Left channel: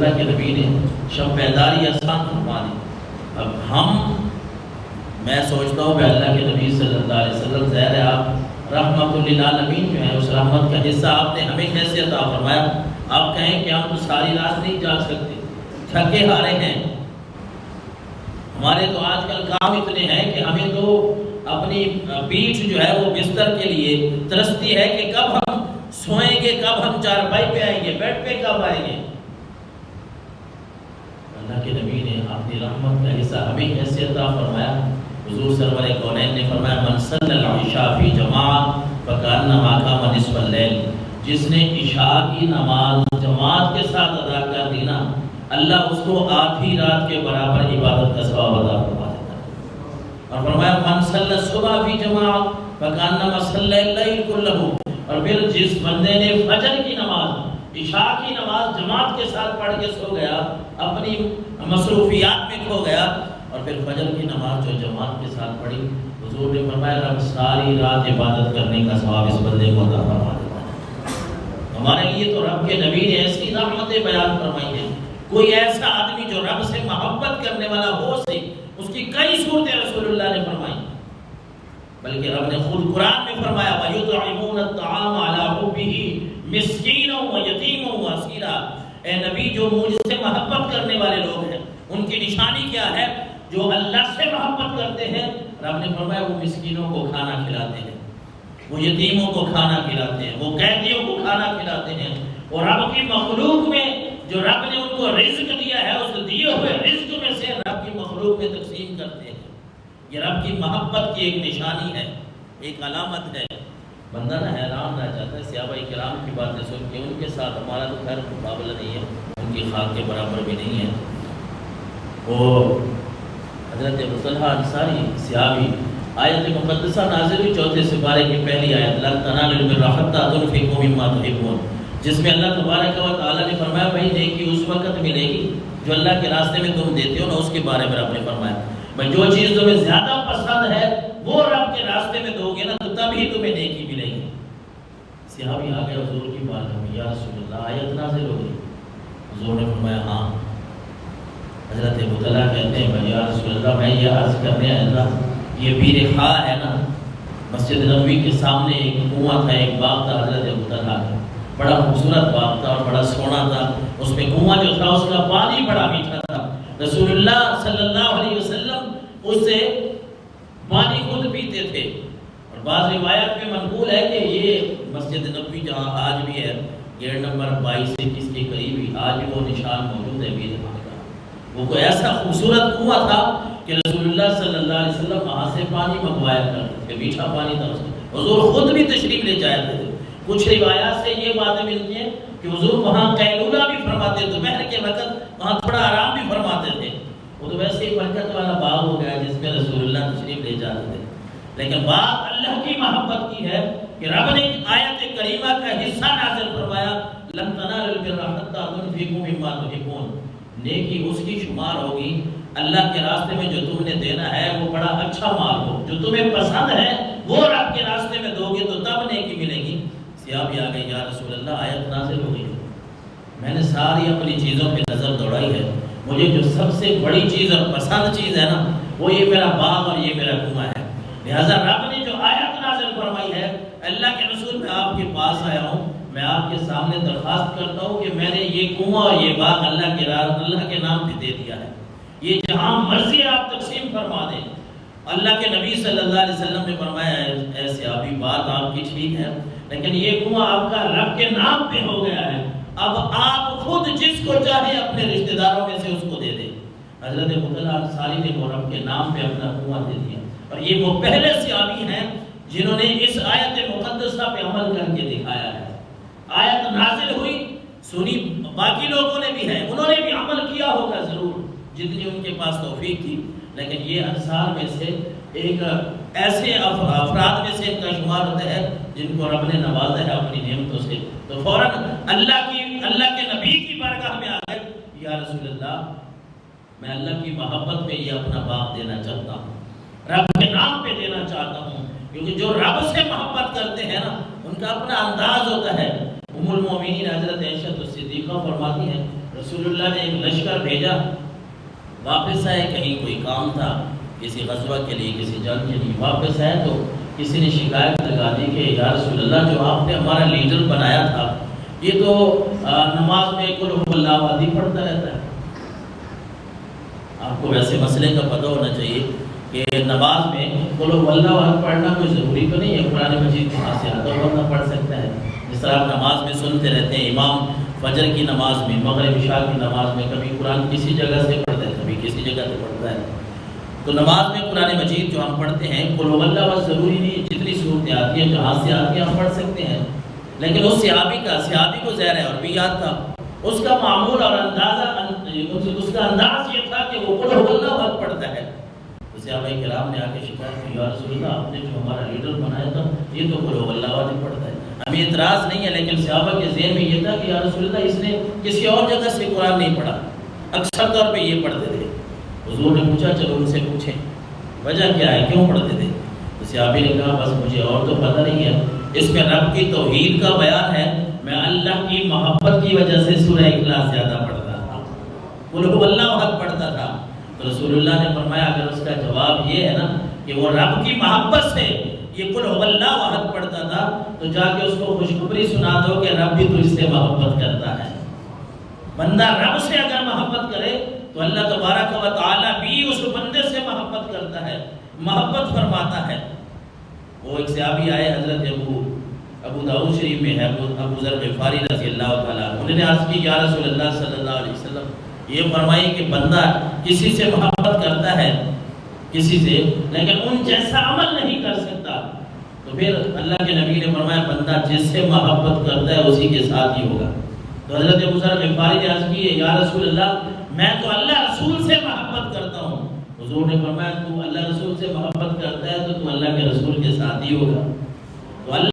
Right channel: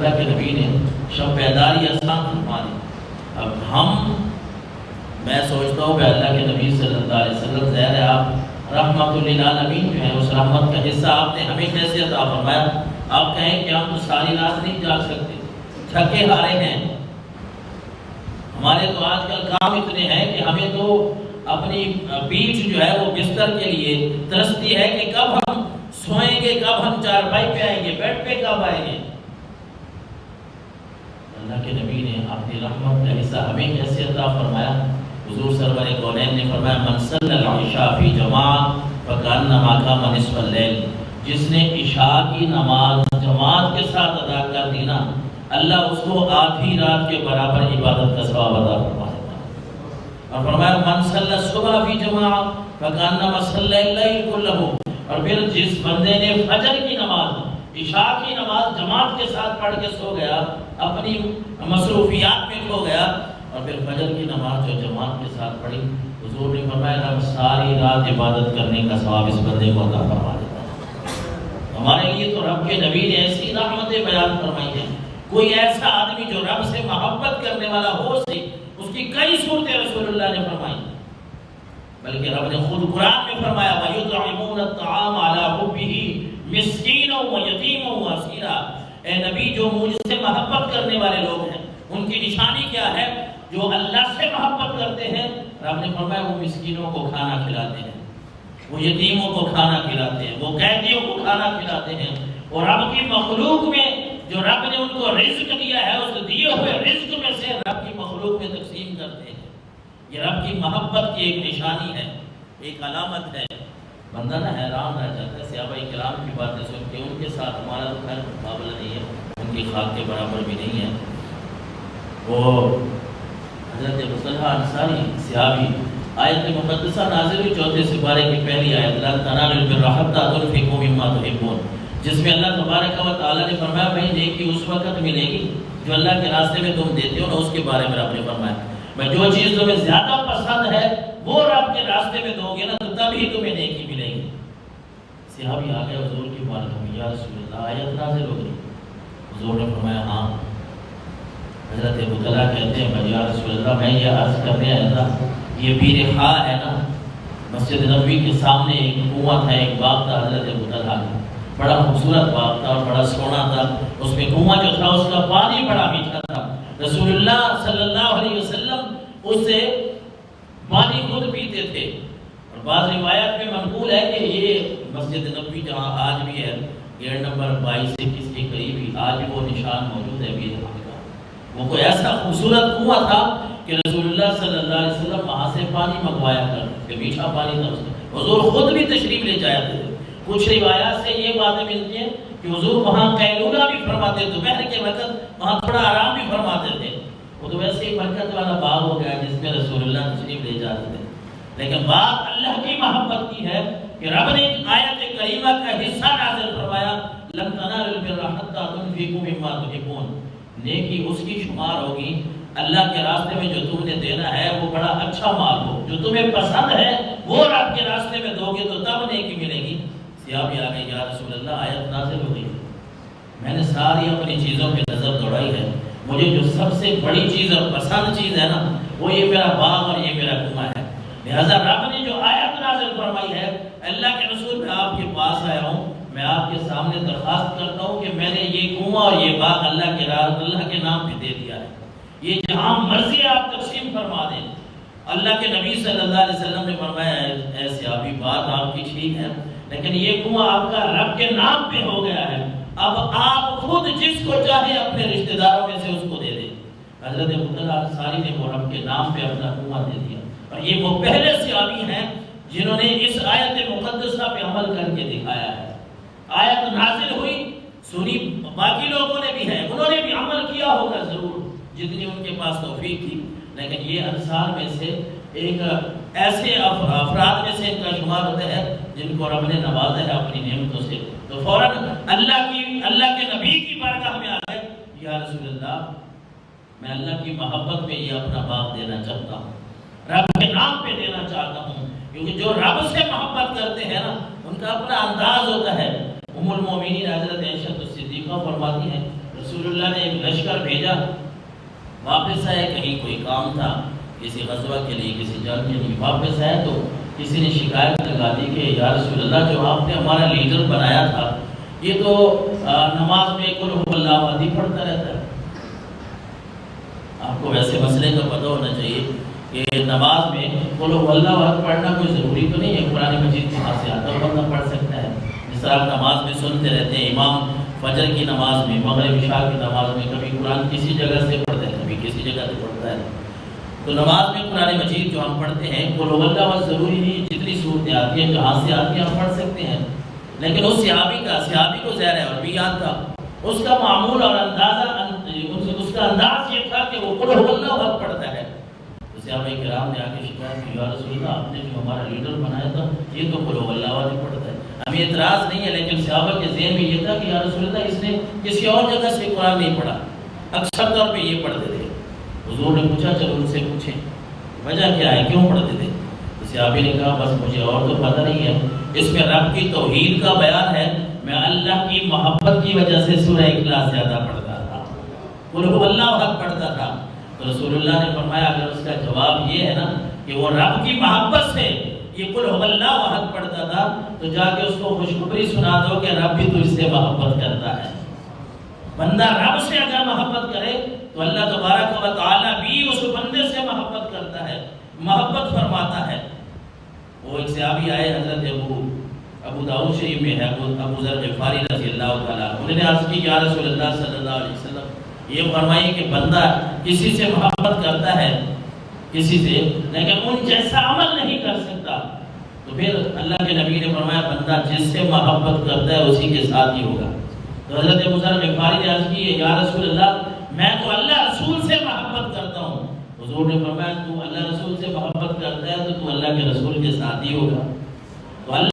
اللہ کے نبی نے شب بیداری آسان فرما دی۔ اب میں سوچتا ہوں کہ اللہ کے نبی صلی اللہ علیہ وسلم ظاہر ہے آپ رحمت للعالمین جو ہیں، اس رحمت کا حصہ آپ نے ہمیں کیسے عطا فرمایا؟ آپ کہیں کہ ہم تو ساری رات نہیں جاگ سکتے، تھکے ہارے ہیں، ہمارے تو آج کل کام اتنے ہیں کہ ہمیں تو اپنی پیٹھ جو ہے وہ بستر کے لیے ترستی ہے کہ کب ہم سوئیں گے، کب ہم چارپائی پہ آئیں گے، بیڈ پہ کب آئیں گے۔ اللہ کے نبی نے اپنی رحمت کا حصہ ہمیں کیسے عطا فرمایا؟ حضور سرور کونین نے فرمایا من صلی العشاء فی جماعت فکانما قام نصف اللیل، جس نے عشاء کی نماز جماعت کے ساتھ ادا کر دی نا، اللہ اس کو آدھی رات کے برابر عبادت کا ثواب عطا فرما دیتا ہے۔ اور فرمایا من صلی الصبح فی جماعت فکانما صلی اللیل کلہ، اور پھر جس بندے نے فجر کی نماز عشاء کی نماز جماعت کے ساتھ پڑھ کے سو گیا، اپنی مصروفیات میں کھو گیا، اور پھر فجر کی نماز جو جماعت کے ساتھ پڑھی، حضور نے فرمایا رب ساری رات عبادت کرنے کا ثواب اس بندے کو عطا فرما دیتا ہے۔ ہمارے لیے تو رب کے نبی نے ایسی رحمتیں بیان فرمائی ہیں، کوئی ایسا آدمی جو رب سے محبت کرنے والا ہو سے اس کی کئی صورتیں رسول اللہ نے فرمائی، بلکہ رب نے خود قرآن میں فرمایا وَيُطْعِمُونَ الطَّعَامَ عَلَىٰ حُبِّهِ مِسْكِينًا وَيَتِيمًا وَأَسِيرًا۔ اے نبی، جو مجھ سے محبت کرنے والے لوگ ہیں ان کی نشانی کیا ہے؟ جو اللہ سے محبت کرتے ہیں، رب نے فرمایا وہ مسکینوں کو کھانا کھلاتے ہیں، وہ یتیموں کو کھانا کھلاتے ہیں، وہ قیدیوں کو کھانا کھلاتے ہیں، اور رب کی مخلوق میں جو رب نے ان کو رزق دیا ہے اس دیے ہوئے رزق میں سے رب کی مخلوق میں تقسیم کرتے ہیں۔ یہ رب کی محبت کی ایک نشانی ہے، ایک علامت ہے۔ بندہ نہ حیران رہ جاتا ہے صحابہ کرام کی باتیں سن کے، ان کے ساتھ ہمارا تو خیر مقابلہ نہیں ہے، ان کی خاک کے برابر بھی نہیں ہے۔ وہ حضرت ابو طلحہ انصاری صحابی، آیت مقدسہ نازل ہوئی 4 سپارے کی پہلی آیت لن تنالوا البر حتى تنفقوا مما تحبون، جس میں اللہ تبارک و تعالیٰ نے فرمایا بھائی نیکی اس وقت ملے گی جو اللہ کے راستے میں تم دیتے ہو نا، اس کے بارے میں رب نے فرمایا بھائی جو چیز تمہیں زیادہ پسند ہے وہ رب کے راستے میں دو گے نا تو تبھی تمہیں نیکی ملے گی۔ صحابی آ گئے حضور کی بارگاہ میں، یا رسول اللہ آیت نازل ہو گئی۔ حضور نے فرمایا ہاں۔ حضرت ابو طلحہ کہتے ہیں بھائی یا رسول اللہ میں یہ عرض کرنے آیا تھا، یہ بیر خاء ہے نا، مسجد نبوی کے سامنے ایک کنواں تھا، ایک باغ تھا حضرت ابو طلحہ کا، بڑا خوبصورت باغ تھا اور بڑا سونا تھا، اس میں کنواں جو تھا اس کا پانی بڑا میٹھا تھا۔ رسول اللہ صلی اللہ علیہ وسلم اس سے پانی خود پیتے تھے، اور بعض روایات میں منقول ہے کہ یہ مسجد نبوی جہاں آج بھی ہے گیٹ نمبر 22-21 کے قریب ہی آج بھی وہ نشان موجود ہے بیر خاء کا۔ وہ کوئی ایسا خوبصورت کنواں تھا کہ رسول اللہ صلی اللہ علیہ وسلم وہاں سے پانی منگوایا کرتے تھے، میٹھا پانی تھا اس میں، حضور خود بھی تشریف لے جایا تھے۔ کچھ روایات سے یہ باتیں ملتی ہیں کہ حضور وہاں قیلولہ بھی فرماتے تھے، دوپہر کے وقت وہاں تھوڑا آرام بھی فرماتے تھے۔ وہ تو ویسے ہی برکت والا باغ ہو گیا جس میں رسول اللہ تشریف لے جاتے تھے، لیکن بات اللہ کی محبت کی ہے کہ رب نے آیت کریمہ کا حصہ نازل فرمایا لن تنالوا البر حتى تنفقوا مما تحبون، نیکی اس کی شمار ہوگی اللہ کے راستے میں جو تم نے دینا ہے وہ بڑا اچھا مال ہو، جو تمہیں پسند ہے وہ رب کے راستے میں دو گے تو تب نیکی ملے گی۔ صحابی آ گئے، یا رسول اللہ آیت نازل ہو گئی، میں نے ساری اپنی چیزوں پہ نظر دوڑائی ہے، مجھے جو سب سے بڑی چیز اور پسند چیز ہے نا وہ یہ میرا باغ اور یہ میرا کنواں ہے، لہذا رب نے جو آیت نازل فرمائی ہے اللہ کے رسول میں آپ کے پاس آیا ہوں، میں آپ کے سامنے درخواست کرتا ہوں کہ میں نے یہ کنواں اور یہ باغ اللہ کے نام پہ دے دیا ہے، یہ جہاں مرضی آپ تقسیم فرما دیں۔ اللہ کے نبی صلی اللہ علیہ وسلم نے فرمایا اے صحابی بات آپ کی ٹھیک ہے، لیکن یہ کنواں آپ کا رب کے نام پہ ہو گیا ہے، اب آپ خود جس کو چاہے اپنے رشتہ داروں میں سے اس کو دے دیں۔ حضرت ابو طلحہ انصاری نے وہ رب کے نام پہ اپنا کنواں دے دیا، اور یہ وہ پہلے صحابی ہیں جنہوں نے اس آیت مقدسہ پہ عمل کر کے دکھایا ہے۔ آیت نازل ہوئی، سنی، باقی لوگوں نے بھی ہے، انہوں نے بھی عمل کیا ہوگا ضرور جتنی ان کے پاس توفیق تھی، لیکن یہ انصار میں سے ایک ایسے افراد میں سے ان کا شمار ہوتا ہے جن کو رب نے نوازا ہے اپنی نعمتوں سے، تو فوراً اللہ کے نبی کی بارگاہ میں آ گئے، یا رسول اللہ میں اللہ کی محبت میں یہ اپنا باغ دینا چاہتا ہوں، رب کے نام پہ دینا چاہتا ہوں، کیونکہ جو رب سے محبت کرتے ہیں نا ان کا اپنا انداز ہوتا ہے۔ ام المومنین حضرت عائشہ صدیقہ فرماتی ہیں رسول اللہ نے ایک لشکر بھیجا، واپس آئے، کہیں کوئی کام تھا کسی غزوہ کے لیے، کسی جنگ کے لیے، واپس آئے تو کسی نے شکایت لگا دی کہ یا رسول اللہ جو آپ نے ہمارا لیڈر بنایا تھا یہ تو نماز میں قل هو اللہ احد پڑھتا رہتا ہے۔ آپ کو ویسے مسئلے کا پتہ ہونا چاہیے کہ نماز میں قل هو اللہ احد پڑھنا کوئی ضروری تو نہیں ہے، قرآن مجید کے ہاتھ سے آتا ہوا بندہ پڑھ سکتا ہے۔ جس طرح آپ نماز میں سنتے رہتے ہیں، امام فجر کی نماز میں، مغرب عشاء کی نماز میں کبھی قرآن کسی جگہ سے پڑھتا ہے، کبھی کسی جگہ سے پڑھتا ہے۔ تو نماز میں قرآن مجید جو ہم پڑھتے ہیں قل هو اللہ احد ضروری نہیں، جتنی صورتیں آتی ہیں جہاں سے آتی ہیں ہم پڑھ سکتے ہیں۔ لیکن اس صحابی کو ظاہر ہے اور بھی یاد تھا، اس کا معمول اور اندازہ اس کا انداز یہ تھا کہ وہ قل هو اللہ احد پڑھتا ہے۔ تو صحابہ کرام نے آ کے شکایت کی، یا رسول اللہ آپ نے جو ہمارا لیڈر بنایا تھا یہ تو قل هو اللہ احد پڑھتا ہے۔ ہمیں اعتراض نہیں ہے، لیکن صحابہ کے ذہن میں یہ تھا کہ یا رسول اللہ اس نے کسی اور جگہ سے قرآن نہیں پڑھا، اکثر طور پہ یہ پڑھتے تھے۔ حضور نے پوچھا چلو ان سے پوچھیں وجہ کیا ہے، کیوں پڑھتے تھے؟ تو صحابی نے کہا بس مجھے اور تو پتہ نہیں ہے، اس میں رب کی توحید کا بیان ہے، میں اللہ کی محبت کی وجہ سے سورہ اخلاص زیادہ پڑھتا تھا، قل هو اللہ احد پڑھتا تھا۔ تو رسول اللہ نے فرمایا اگر اس کا جواب یہ ہے نا کہ وہ رب کی محبت سے یہ قل هو اللہ احد پڑھتا تھا، تو جا کے اس کو خوشخبری سنا دو کہ رب بھی تجھ سے محبت کرتا ہے۔ بندہ رب سے اگر محبت کرے تو اللہ تبارک و تعالیٰ بھی اس بندے سے محبت کرتا ہے، محبت فرماتا ہے۔ وہ ایک صحابی آئے، حضرت ابو داؤد شریف میں ہے، ابو ذر غفاری رضی اللہ تعالیٰ، انہوں نے عرض کی یا رسول اللہ صلی اللہ علیہ وسلم یہ فرمائیے کہ بندہ کسی سے محبت کرتا ہے کسی سے، لیکن ان جیسا عمل نہیں کر سکتا، تو پھر اللہ کے نبی نے فرمایا بندہ جس سے محبت کرتا ہے اسی کے ساتھ ہی ہوگا۔ تو حضرت ابو ذر غفاری نے عرض کی یا رسول اللہ میں تو اللہ رسول سے محبت کرتا ہوں۔ حضور نے فرمایا تو اللہ رسول سے محبت کرتا ہے تو اللہ کے رسول کے ساتھ ہی ہوگا۔ تو اللہ